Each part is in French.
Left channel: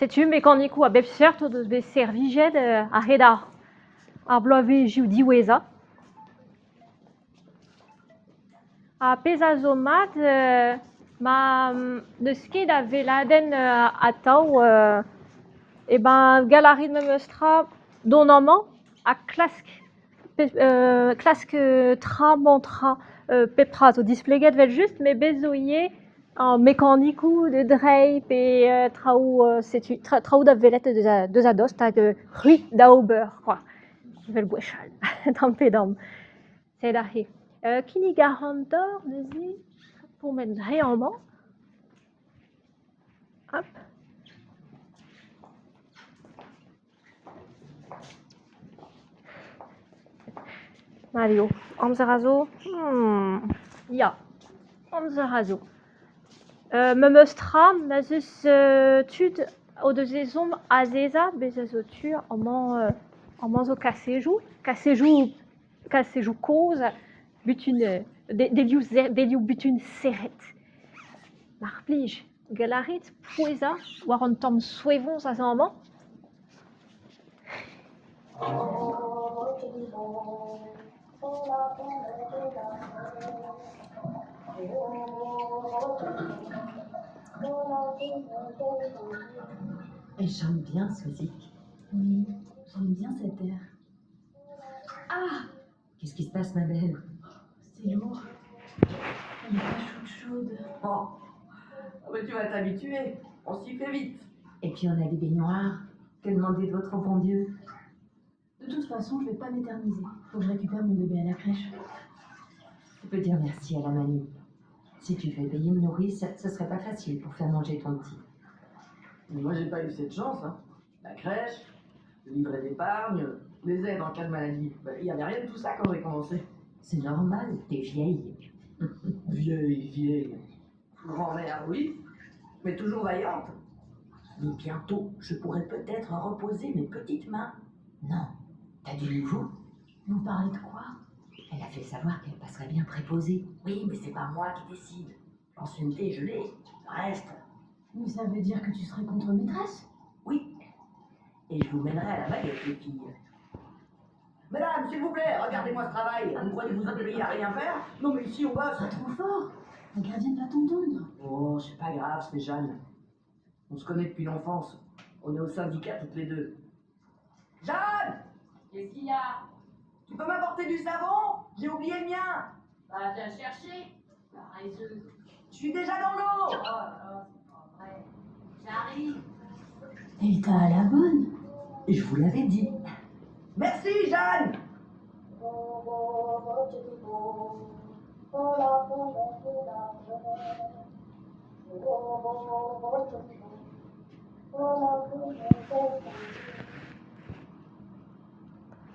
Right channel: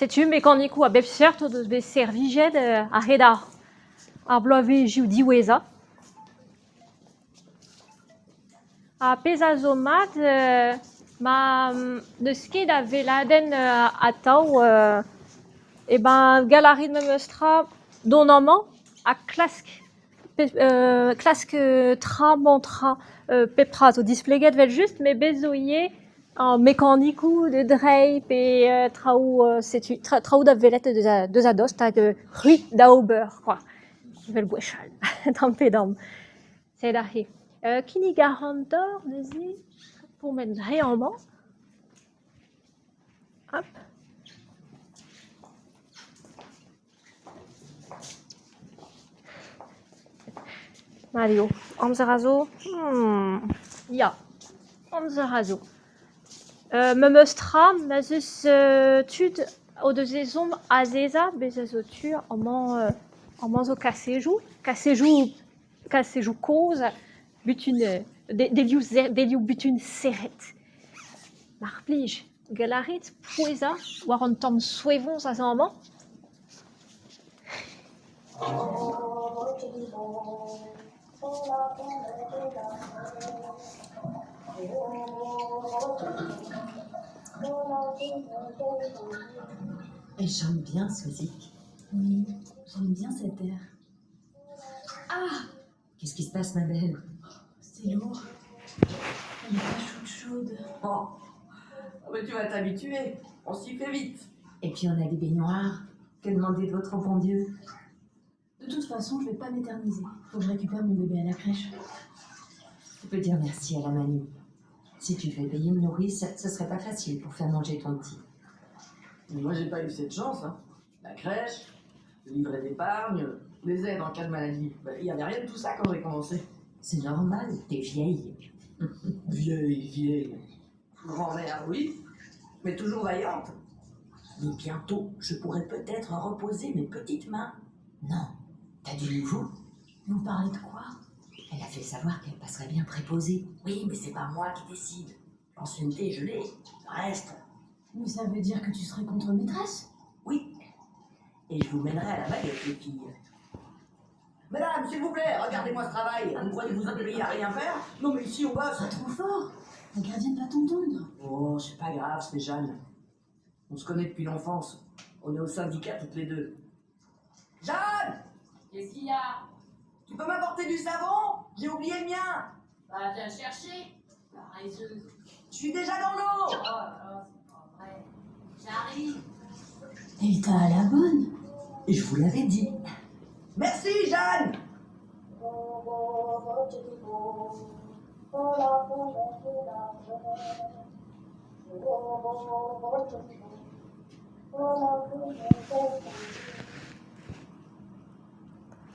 C'est-tu mécanique ou à bepsert ou de serviget à Heda à Blové Judiweza a pesazomat ma de ski da veladen a tau et ben galerie de Memestra donaman a clask tra mantra pepras au displeget vel juste mais bezoyer en mécanique ou de drape et traou da velet de zados ta de rue d'Auber quoi vel bouchal dans pedam c'est là Kini garantor vas-y pour mettre réellement hop Mario Amzarazo ja Amzarazo Memestram nazus tud au de zezom azeza bezazotu en manzo cassejou cause butune deliu butune seret marplij galarit poeza war an tom suevon sa zaman Elle chante bien ce musique. Oui, j'aime bien cette air. Ah, qu'est-ce qui se passe, ma belle? C'est lourd. Elle est pas chaude. Oh, mais tu vas t'habituer. On s'y fait vite. Et puis on a des baignoires. Que demander d'autre au bon Dieu? De toute façon, je vais pas m'éterniser. Faut que je récupère mon bébé à la crèche. Tu peux dire merci à la mamie. Si tu fais payer une nourrice, ce serait pas facile pour faire manger ton petit. Mais moi, j'ai pas eu cette chance. Hein. La crèche, le livret d'épargne, les aides en cas de maladie. Il n'y avait rien de tout ça quand j'ai commencé. C'est normal, t'es vieille. Vieille. Grand-mère, oui, mais toujours vaillante. Mais bientôt, je pourrais peut-être reposer mes petites mains. Non, t'as du nouveau? Vous parlez de quoi? Elle a fait savoir qu'elle passerait bien préposée. Oui, mais c'est pas moi qui décide. L'ancienneté, je l'ai. Le reste. Mais ça veut dire que tu serais contre-maîtresse? Oui. Et je vous mènerai à la baguette, les filles. Madame, s'il vous plaît, regardez-moi ce travail. Vous croyez que vous êtes payé à rien faire? Non, mais ici, on va. Pas trop fort. La gardienne va t'entendre. Oh, c'est pas grave, c'est Jeanne. On se connaît depuis l'enfance. On est au syndicat toutes les deux. Jeanne! Qu'est-ce qu'il y a? Tu peux m'apporter du savon? J'ai oublié le mien. Bah, viens chercher. Paresseuse. Je suis déjà dans l'eau. Oh, c'est pas vrai. J'arrive. Et t'as à la bonne. Et je vous l'avais dit. Merci, Jeanne.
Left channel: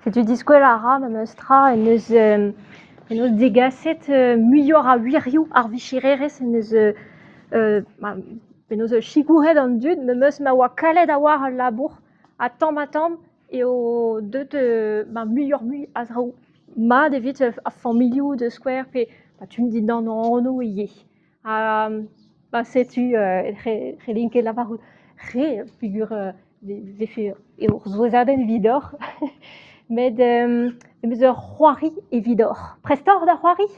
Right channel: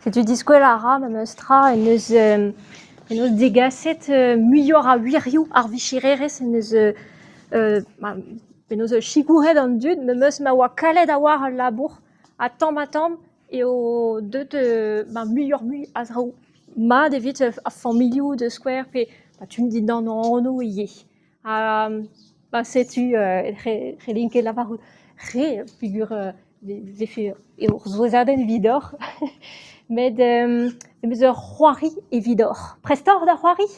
C'est du disco la ram mestra et nous digaset muyor a wiriou ar vichireres et nous chigouret dans le dud meus ma wa kaled a war al labour a tam et au de muyor mu azraou ma devit a familio de square pe tu me dis dans no yé c'est-tu relinke la barou figure des fait et aux aden vidor mais de Roiri et Vidor. Prestor de Roiri,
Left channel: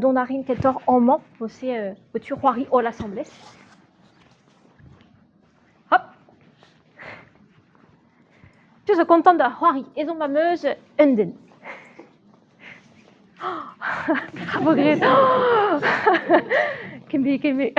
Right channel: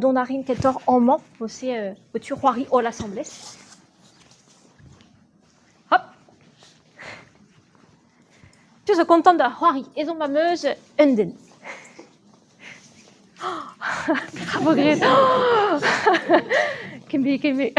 dont Narine Ketor en man, aussi au-tu Roiri au l'Assemblée. Hop. Tu se contentes de Roiri et son mameuse Unden. Bravo, Grèce. Kimbi.